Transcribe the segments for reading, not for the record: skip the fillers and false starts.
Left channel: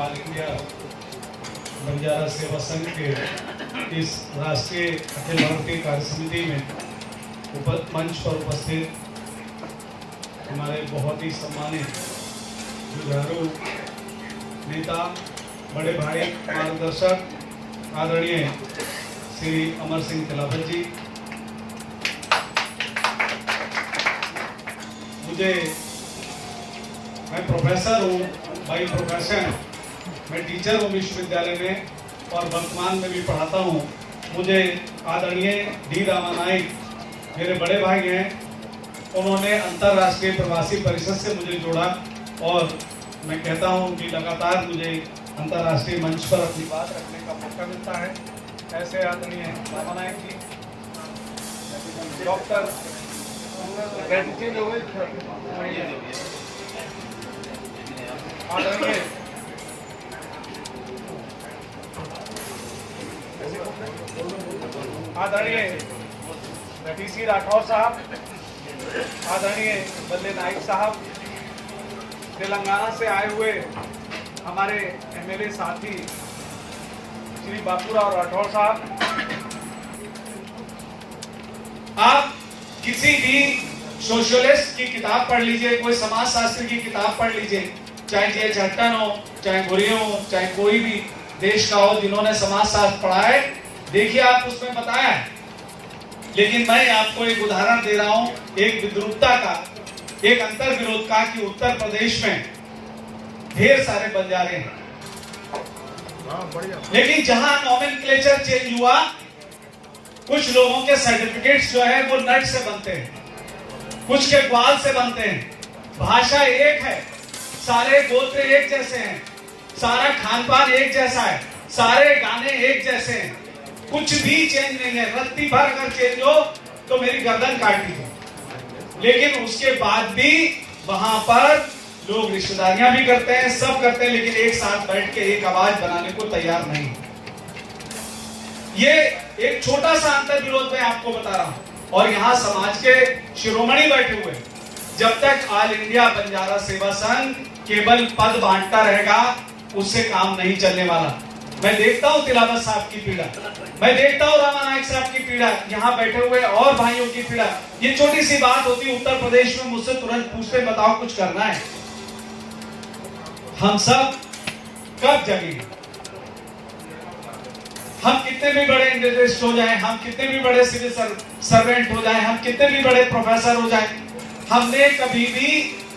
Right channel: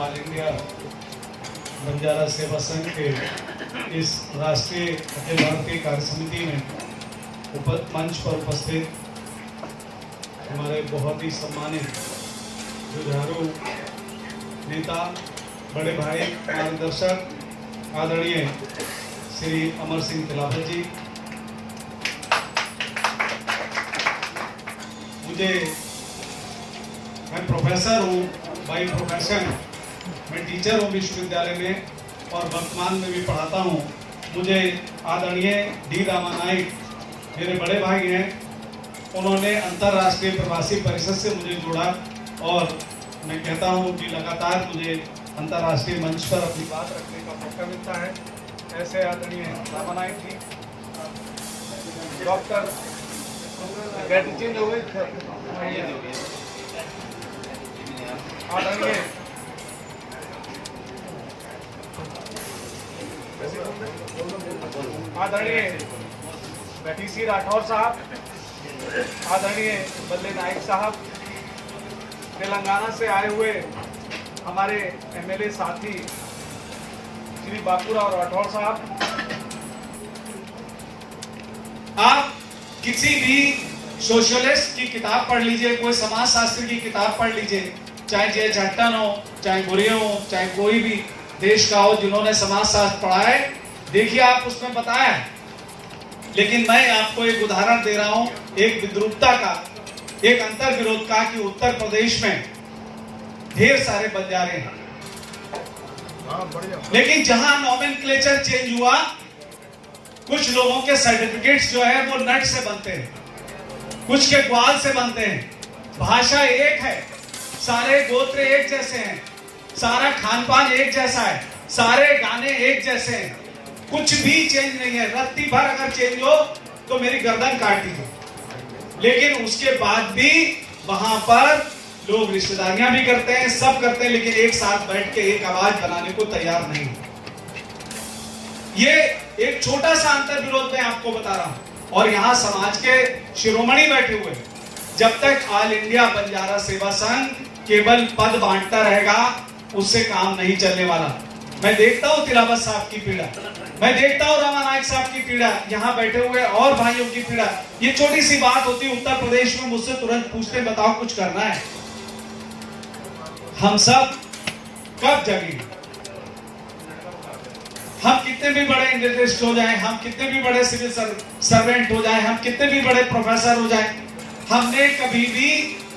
All India Banjara सेवा संघ के इस राष्ट्रीय अखिल भारतीय कार्य समिति में मंच पर उपस्थित हमारे बहुत ही सम्मानित जुझारू नेता, बड़े भाई, मार्गदर्शक आदरणीय श्री अमर सिंह तिलावत जी, मैं प्रोफेसर हूँ बाई प्रोफेशन, मैं टीचर हूँ विश्वविद्यालय में और वर्तमान में भी पढ़ाता हूँ। मुझे आदरणीय डी रामानायक मेरे बड़े भाई हैं, उन्होंने अंतर्राष्ट्रीय प्रवासी परिषद से मुझे जोड़ा और मैं कहता हूँ कि लगातार मुझे अंतर्राष्ट्रीय मंच पर अपनी बात रखने का मौका मिलता है। ऐसे आदरणीय रामानायक जी, डॉक्टर आदरणीय टीसी राठौर साहब, आदरणीय बल्ले नाइक साहब, तेलंगाना से आए हुए हमारे एमएलए साथी श्री बापूराव राठौर साहब, आप किसी भी सोशलिस्ट की किताब पढ़ लीजिए, कोई समाजशास्त्री की किताब पढ़ लीजिए, चाहे जे चट्टन हो, चाहे गुरी हो, चाहे कोई भी देश का हो जिन्होंने समाजशास्त्र पढ़ा है, देखिए आप उसमें बताया है। लेकिन मैं आपको एक उदाहरण दे रहा हूं, एक विद्रूपता का, एक अंतर विरोध का, कि उत्तर प्रदेश में ढेर सारे बंजारे हैं, लेकिन जहां नॉमेनक्लेचर चेंज हुआ, कुछ लोगों के सर्टिफिकेट्स जो है वो नट से बनते हैं, कुछ के ग्वाल से बनते हैं, भाषा एक है, सारे गोत्र एक जैसे हैं, सारा खान पान एक जैसा है, सारे गाने एक जैसे हैं, कुछ भी चेंज नहीं है। रत्ती भर अगर चेंज हो तो मेरी गर्दन काटी दो। लेकिन उसके बाद भी वहां पर लोग रिश्तेदारियां भी करते हैं, सब करते हैं, लेकिन एक साथ बैठ के एक आवाज बनाने को तैयार नहीं। ये एक छोटा सा अंतर विरोध मैं आपको बता रहा हूं। और यहां समाज के शिरोमणि बैठे हुए, जब तक ऑल इंडिया बंजारा सेवा संघ केवल पद बांटता रहेगा, उससे काम नहीं चलने वाला। मैं देखता हूं तिलावत साहब की पीड़ा, मैं देखता हूं रामानायक साहब की पीड़ा, यहाँ बैठे हुए और भाइयों की पीड़ा। ये छोटी सी बात होती, उत्तर प्रदेश में मुझसे तुरंत पूछते, बताओ कुछ करना है, हम सब कब जगेंगे? हम कितने भी बड़े इंडस्ट्रियलिस्ट हो जाएं, हम कितने भी बड़े सिविल सर्वेंट हो जाएं, हम कितने भी बड़े प्रोफेसर हो जाएं, हमने कभी भी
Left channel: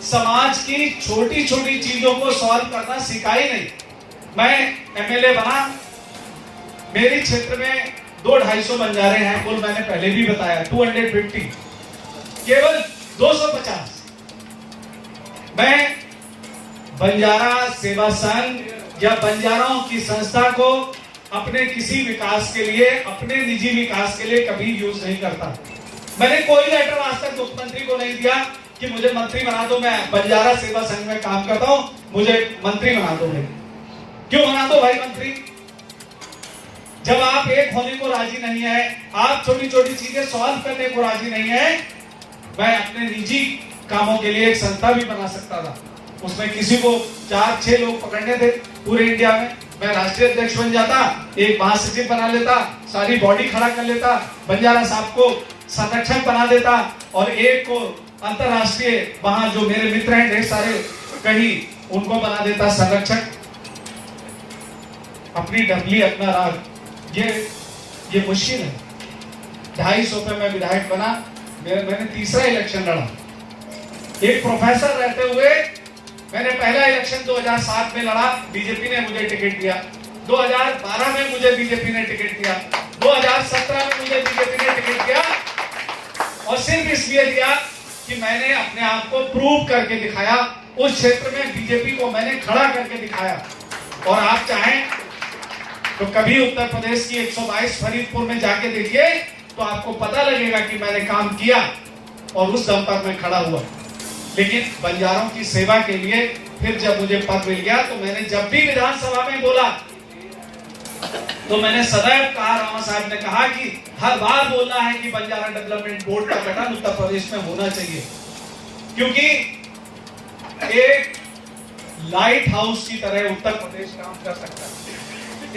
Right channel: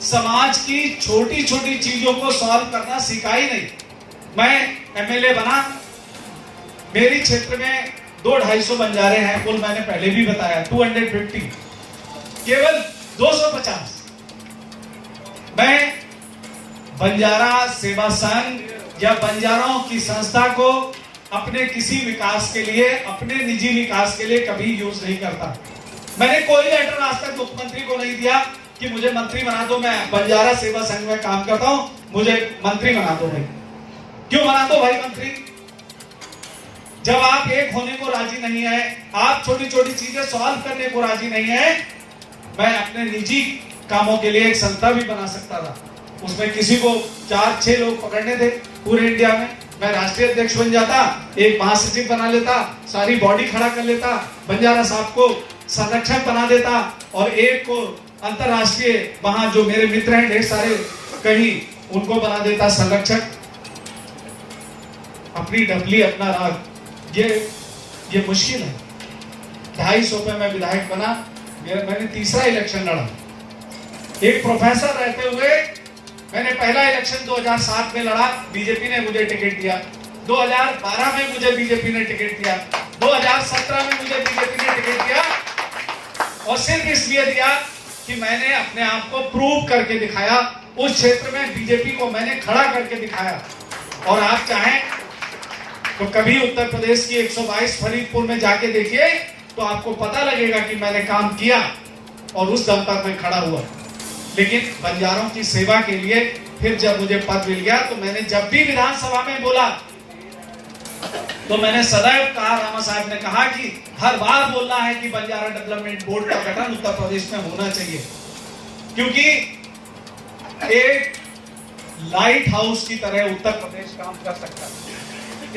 समाज की छोटी छोटी चीजों को सॉल्व करना सीखा ही नहीं। मैं एमएलए बना, मेरे क्षेत्र में 200-250 बंजारे हैं, कुल मैंने पहले भी बताया 250, केवल 250। मैं बंजारा सेवा संघ या बंजाराओं की संस्था को अपने किसी विकास के लिए, अपने निजी विकास के लिए कभी यूज नहीं करता। मैंने कोई लेटर आज तक मुख्यमंत्री को नहीं दिया कि मुझे मंत्री बना दो, मैं बंजारा सेवा संघ में काम करता हूं, मुझे मंत्री बना दो। भाई क्यों बना दो भाई मंत्री? जब आप एक होने को राजी नहीं है, आप छोटी छोटी चीजें सॉल्व करने को राजी नहीं है। मैं अपने निजी कामों के लिए एक संस्था भी बना सकता था, उसमें किसी को 4-6 लोग पकड़ने थे पूरे इंडिया में, मैं राष्ट्रीय अध्यक्ष बन जाता, एक महासचिव बना लेता, सारी बॉडी खड़ा कर लेता, बंजारा साहब को संरक्षक बना देता और एक को अंतरराष्ट्रीय, वहां जो मेरे मित्र हैं ढेर सारे, कहीं उनको बना देता संरक्षक। अपनी डबली अपना राग, ये मुश्किल है। 250 पे मैं विधायक बना, मैंने तीसरा इलेक्शन लड़ा। एक प्रोफेसर रहते हुए मैंने पहला इलेक्शन 2007 में लड़ा, बीजेपी ने मुझे टिकट दिया। 2012 में मुझे बीजेपी ने टिकट दिया, 2017 में मुझे बीजेपी ने टिकट दिया, और सिर्फ इसलिए दिया कि मैंने अपने आप को प्रूव करके दिखाया। उस क्षेत्र में बीजेपी को मैंने खड़ा करके दिखाया। और आप चाहें तो कभी उत्तर प्रदेश की 122 फरीदपुर में जाके देखिए, तो आपको पता लगेगा कि मैंने काम किया और उस दम पर मैं खड़ा हुआ। लेकिन बंजारों की सेवा के लिए फिर जब मुझे पद मिल गया, तो मैंने जब भी विधानसभा में बोला, तो मैंने सदैव कहा, रामा साहब ने कहा कि हर बार बोलना है कि बंजारा डेवलपमेंट बोर्ड का गठन उत्तर प्रदेश में होना चाहिए, क्योंकि एक लाइट हाउस की तरह उत्तर प्रदेश काम कर सकता है।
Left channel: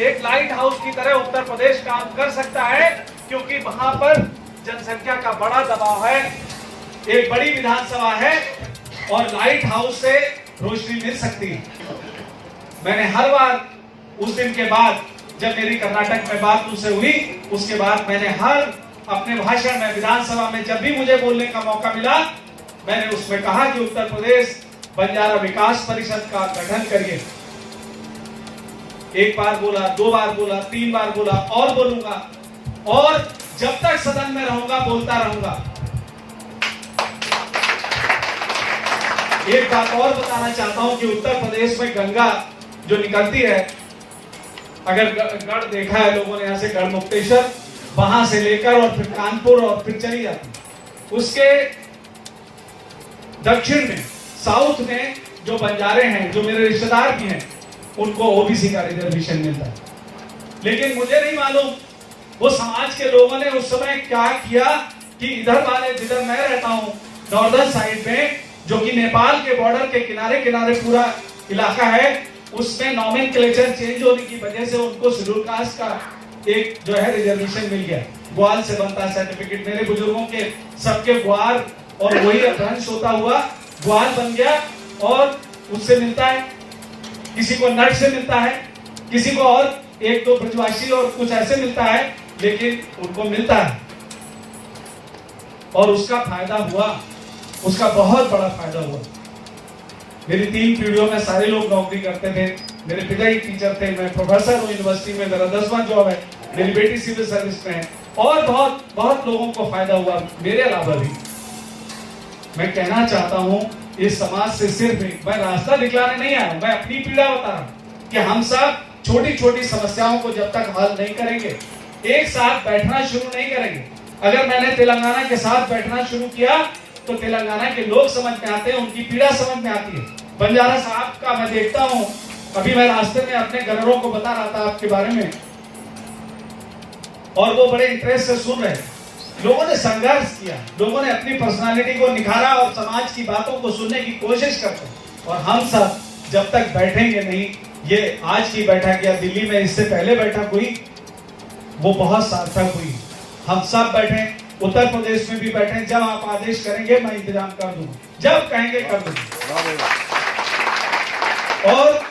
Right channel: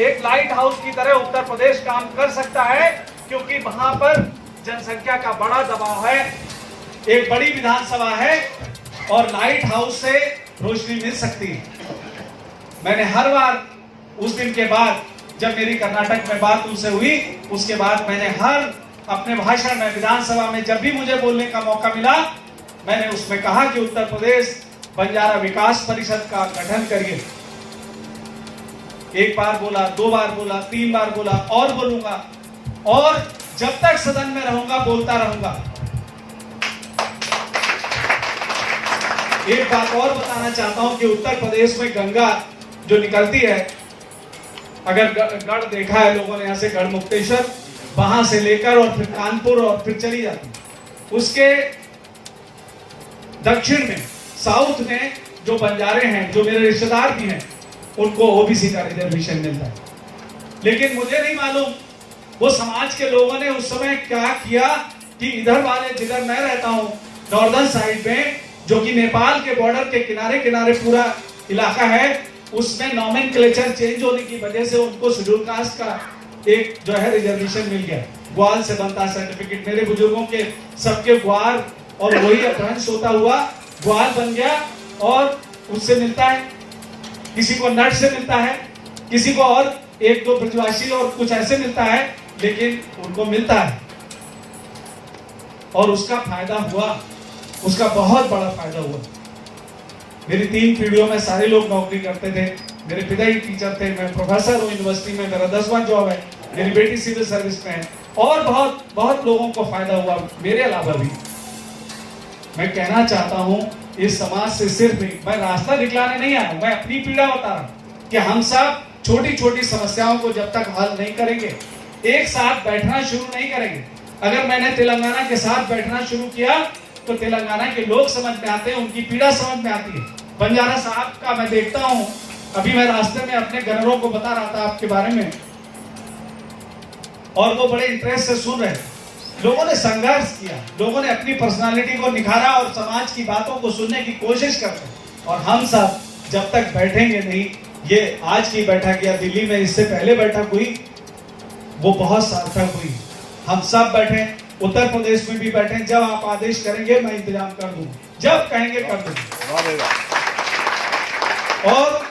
एक लाइट हाउस की तरह उत्तर प्रदेश काम कर सकता है, क्योंकि वहां पर जनसंख्या का बड़ा दबाव है, एक बड़ी विधानसभा है और लाइट हाउस से रोशनी मिल सकती है। मैंने हर बार उस दिन के बाद जब मेरी कर्नाटक में बात उनसे हुई, उसके बाद मैंने हर अपने भाषण में विधानसभा में जब भी मुझे बोलने का मौका मिला, मैंने उसमें कहा कि उत्तर प्रदेश बंजारा विकास परिषद का गठन करिए। एक बार बोला, 2 बार बोला, 3 बार बोला और बोलूंगा, और जब तक सदन में रहूंगा बोलता रहूंगा। एक बात और बताना चाहता हूं कि उत्तर प्रदेश में गंगा जो निकलती है, अगर गढ़ देखा है लोगों ने, यहां से गढ़ मुक्तेश्वर, वहां से लेकर और फिर कानपुर और फिर चली जाती। उसके दक्षिण में, साउथ में जो बंजारे हैं, जो मेरे रिश्तेदार भी हैं, उनको ओबीसी का रिजर्वेशन मिलता है। लेकिन मुझे नहीं मालूम वो समाज के लोगों ने उस समय क्या किया कि इधर वाले, जिधर मैं रहता हूं नॉर्दर्न साइड में, जो कि नेपाल के बॉर्डर के किनारे किनारे पूरा इलाका है, उसमें नॉमेनक्लेचर चेंज होने की वजह से उनको शेड्यूल कास्ट का एक जो है रिजर्वेशन मिल गया। ग्वाल से बनता सर्टिफिकेट, मेरे बुजुर्गों के सबके ग्वाल और वही अपभ्रंश होता हुआ ग्वाल बन गया, और उससे मिलता है, किसी को नट से मिलता है, किसी को और 1-2 ब्रजवासी और कुछ ऐसे मिलता है, लेकिन उनको मिलता है। और उसका फायदा हुआ, उसका बहुत बड़ा फायदा हुआ। मेरी 3 पीढ़ियों में सारे लोग नौकरी करते थे। मेरे पिता ही टीचर थे, मैं प्रोफेसर हूँ यूनिवर्सिटी में, मेरा 10वां जॉब है, मेरी बेटी सिविल सर्विस में है, और बहुत बहुत लोगों को फायदा हुआ, मेरे अलावा भी। मैं कहना चाहता हूं इस समाज से सिर्फ मैं रास्ता दिखलाने नहीं आया हूं, मैं अपनी पीड़ा बता रहा हूं कि हम सब छोटी छोटी समस्याओं को जब तक हल नहीं करेंगे, एक साथ बैठना शुरू नहीं करेंगे। अगर मैंने तेलंगाना के साथ बैठना शुरू किया तो तेलंगाना के लोग समझ में आते हैं, उनकी पीड़ा समझ में आती है। बंजारा साहब का मैं देखता हूं, अभी मैं रास्ते में अपने गनरों को बता रहा था आपके बारे में, और वो बड़े इंटरेस्ट से सुन रहे। लोगों ने संघर्ष किया, लोगों ने अपनी पर्सनालिटी को निखारा और समाज की बातों को सुनने की कोशिश करते हैं। और हम सब जब तक बैठेंगे नहीं, ये आज की बैठक या दिल्ली में इससे पहले बैठक हुई, वो बहुत सार्थक हुई। हम सब बैठे, उत्तर प्रदेश में भी बैठे, जब आप आदेश करेंगे मैं इंतजाम कर दूंगा, जब कहेंगे कर दूंगा। और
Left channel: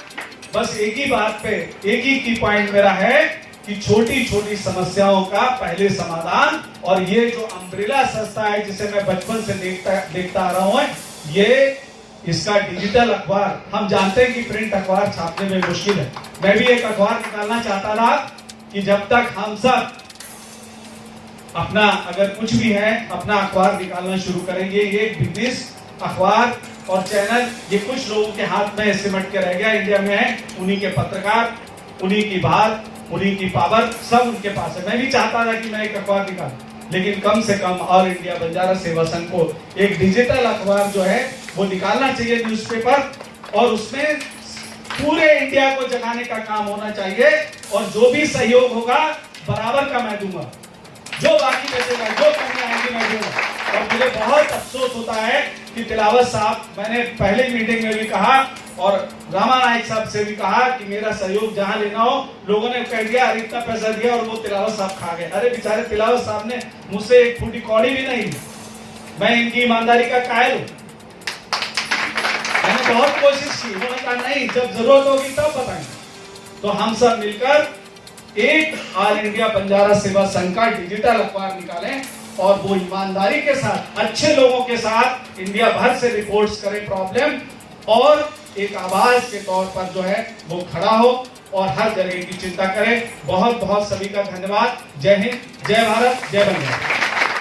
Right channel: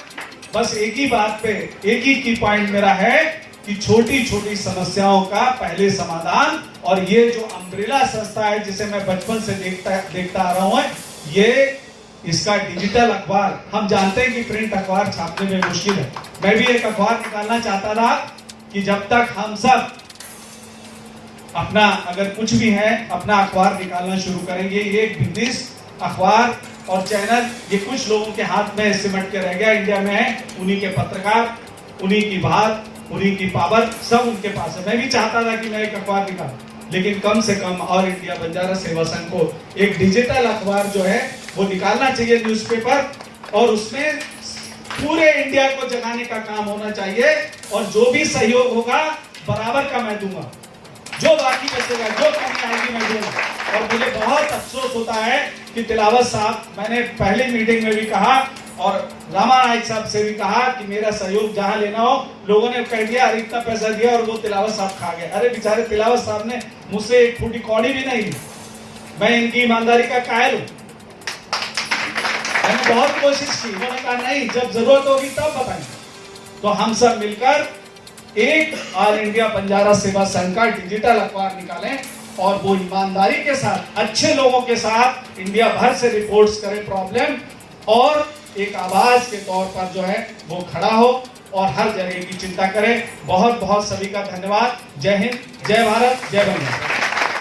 बस एक ही बात पे, एक ही की पॉइंट मेरा है कि छोटी छोटी समस्याओं का पहले समाधान, और ये जो अम्ब्रेला संस्था है जिसे मैं बचपन से देखता आ रहा हूं, ये इसका डिजिटल अखबार, हम जानते हैं कि प्रिंट अखबार छापने में मुश्किल है। मैं भी एक अखबार निकालना चाहता था कि जब तक हम सब अपना, अगर कुछ भी है, अपना अखबार निकालना शुरू करेंगे। ये बिजनेस अखबार और चैनल ये कुछ लोगों के हाथ में सिमट के रह गया, इंडिया में है, उन्हीं के पत्रकार, उन्हीं की बात, उन्हीं की पावर, सब उनके पास है। मैं भी चाहता था कि मैं एक अखबार निकालूं, लेकिन कम से कम ऑल इंडिया बंजारा सेवा संघ को एक डिजिटल अखबार जो है वो निकालना चाहिए, न्यूज़पेपर, और उसमें पूरे इंडिया को जगाने का काम होना चाहिए। और जो भी सहयोग होगा बराबर का मैं दूंगा, जो बाकी बचेगा, जो कमी आएगी मैं दूंगा। और मुझे बहुत अफसोस होता है कि तिलावत साहब, मैंने पहले मीटिंग में भी कहा और रामा नायक साहब से भी कहा कि मेरा सहयोग जहां लेना हो, लोगों ने कह दिया अरे इतना पैसा दिया, और वो तिलावत साहब खा गए। अरे बेचारे तिलावत साहब ने मुझसे 1 फुटी कौड़ी भी नहीं ली। मैं इनकी ईमानदारी का कायल हूं। मैंने बहुत कोशिश की, उन्होंने कहा नहीं, जब जरूरत होगी तब बताएंगे। तो हम सब मिलकर एक ऑल इंडिया बंजारा सेवा संघ का डिजिटल अखबार निकालें, और वो ईमानदारी के साथ, अच्छे लोगों के साथ इंडिया भर से रिपोर्ट्स करें प्रॉब्लम, और एक आवाज के तौर पर जो है वो खड़ा हो और हर जगह की चिंता करें। बहुत बहुत सभी का धन्यवाद। जय हिंद, जय भारत, जय बंगाल।